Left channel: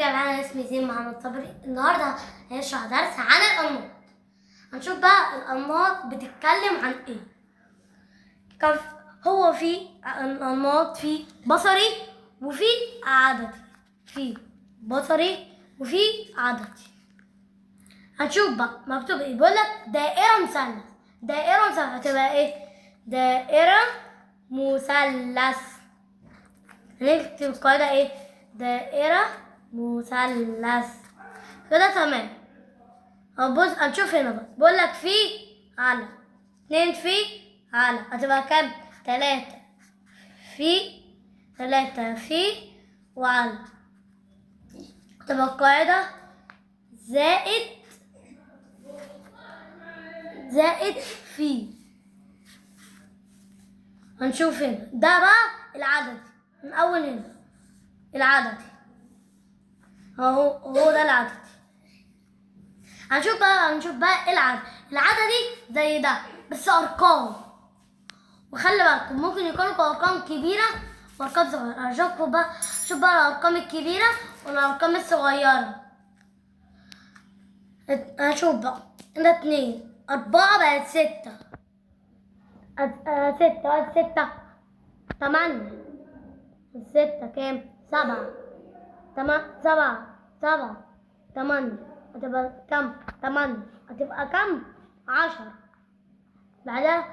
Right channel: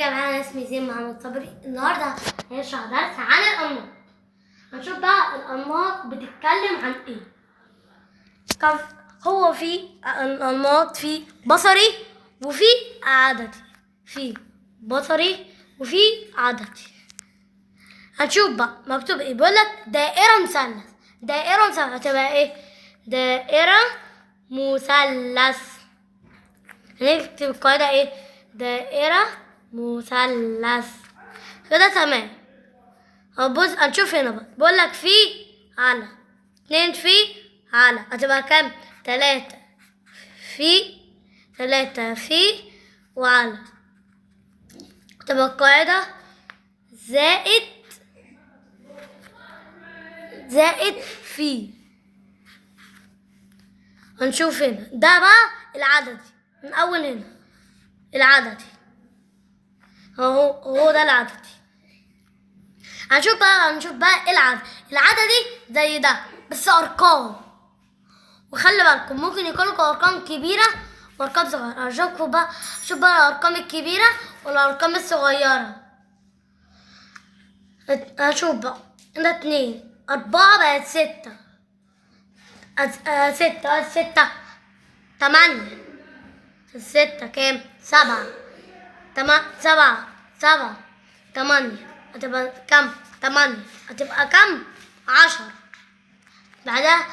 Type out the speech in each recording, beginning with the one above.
جماعة، أنا اسمي زين محمد صبري. النهاردة هنشرح درس عن الأنماط. هنشوف بقى الأنماط بتتكلم عن إيه. هو في الأنماط في بصري وفي عددي. في بصري وفي عددي. هنشوف بقى مكتوب إيه. بيقول لك دائرة مثلث. دائرة مثلث هتبقى إيه؟ دائرة مثلث. هنكتب القاعدة إيه؟ دائرة مثلث كده تمام. هنبص هنشوف هنا بقى. بقول لك في على 2 في على هتبقى كام؟ 3 في وعلى. تبقى القاعدة زائد في. هنشوف هنا ده بقى العددي. من أول هنا العددي هو ده العددي. هنشوف بقى العددي زي ده بس ارقام. وخلي بالكم ممكن يكونوا ارقام كبيره وارقام صغيره. هشوف بقى الارقام الكبيره والارقام الصغيره. هشوف بقى هنا 2 4 بقت 6 6 8 6 كام؟ 7 8 هتبقى كام؟ 8 هتبقى كام؟ 10. بعدها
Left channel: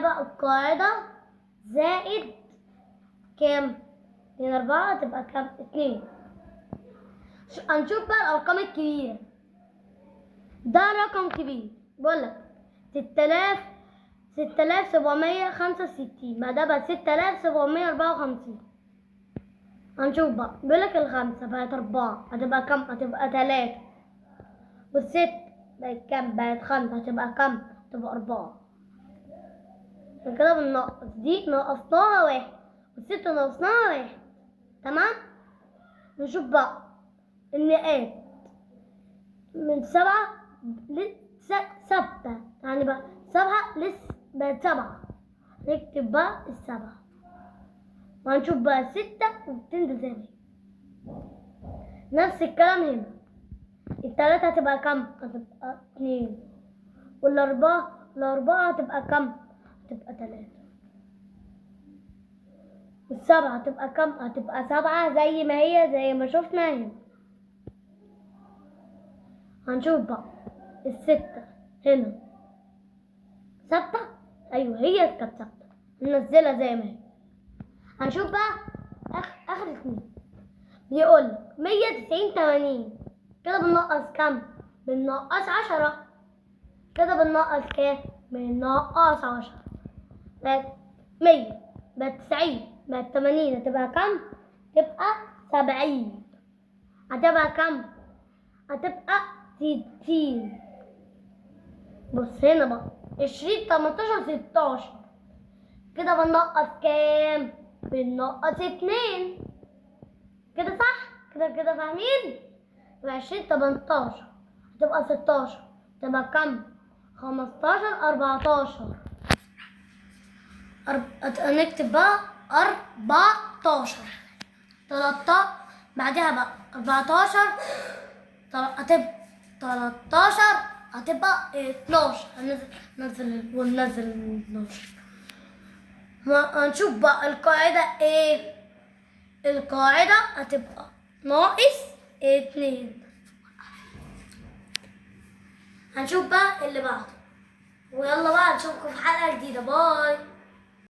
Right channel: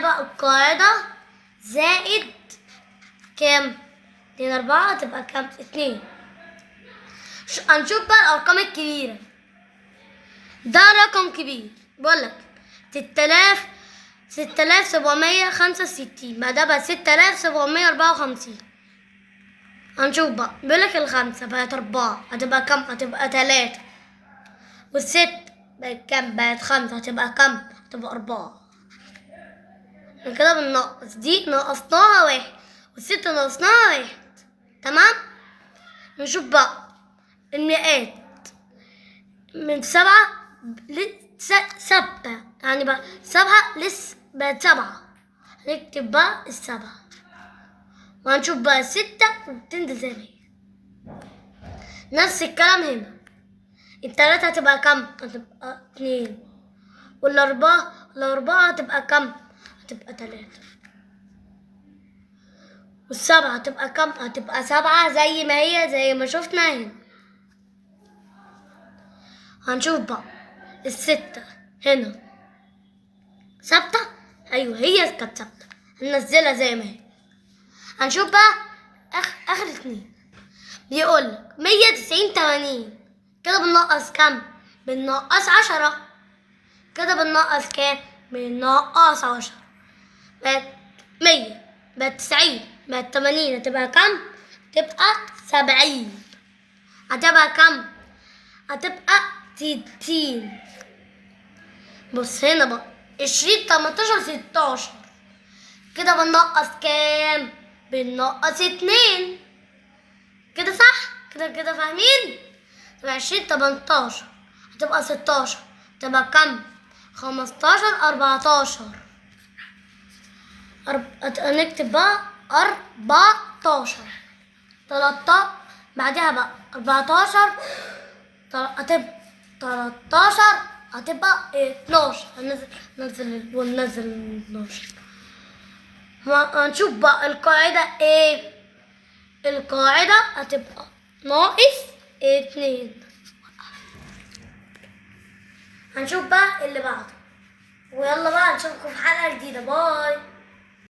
بقى القاعدة زائد كام؟ 2 4 هتبقى كام؟ 2. هنشوف بقى الأرقام الكبيرة. ده رقم كبير بقولك 6765. بعدها بقى 6754. هنشوف بقى بيقولك الخمسة بقت 4 هتبقى كام؟ هتبقى 3. والست بقت كام؟ بقت 5 هتبقى كام؟ هتبقى 4. كده بننقص. دي نقصناها 1 والست نقصناها 1. تمام. نشوف بقى المئات من 7 ثابتة، يعني بقى 7 بقت 7. هنكتب بقى 7. وهنشوف بقى 6 وبتنزل زي ما هي. نفس الكلام هنا. 3 هتبقى كام؟ هتبقى 2. والأربعة هتبقى كام؟ هتبقى 3. والسبعة هتبقى كام؟ هتبقى 7 زي ما هي زي ما شفنا هنا. هنشوف بقى الستة هنا ثابتة. أيوة هي كانت ثابتة، هننزلها زي ما هي. هنشوف بقى آخر 2. بيقولك 190 80. كده بننقص كام؟ بننقص 10. كده بننقص كام؟ بننقص 10. بقت 100 بقت 90 بقت 80 هتبقى كام؟ هتبقى 70. هتبقى كام؟ هتبقى 60. بص هنا بقى 20 18 16. كده بننقص كام؟ بننقص 2. كده صح؟ كده فاهمين؟ تبقى 20 18 هتبقى 16 تبقى كام؟ 15 14. هنكتب بقى 14 13. بعدها بقى 14 هتبقى 13 هتبقى 12. وننزل 12. هنشوف بقى القاعدة ايه. القاعدة هتبقى ناقص 2. هنشوف بقى اللي بعده. ويلا بقى نشوفكم في حلقة جديدة. باي.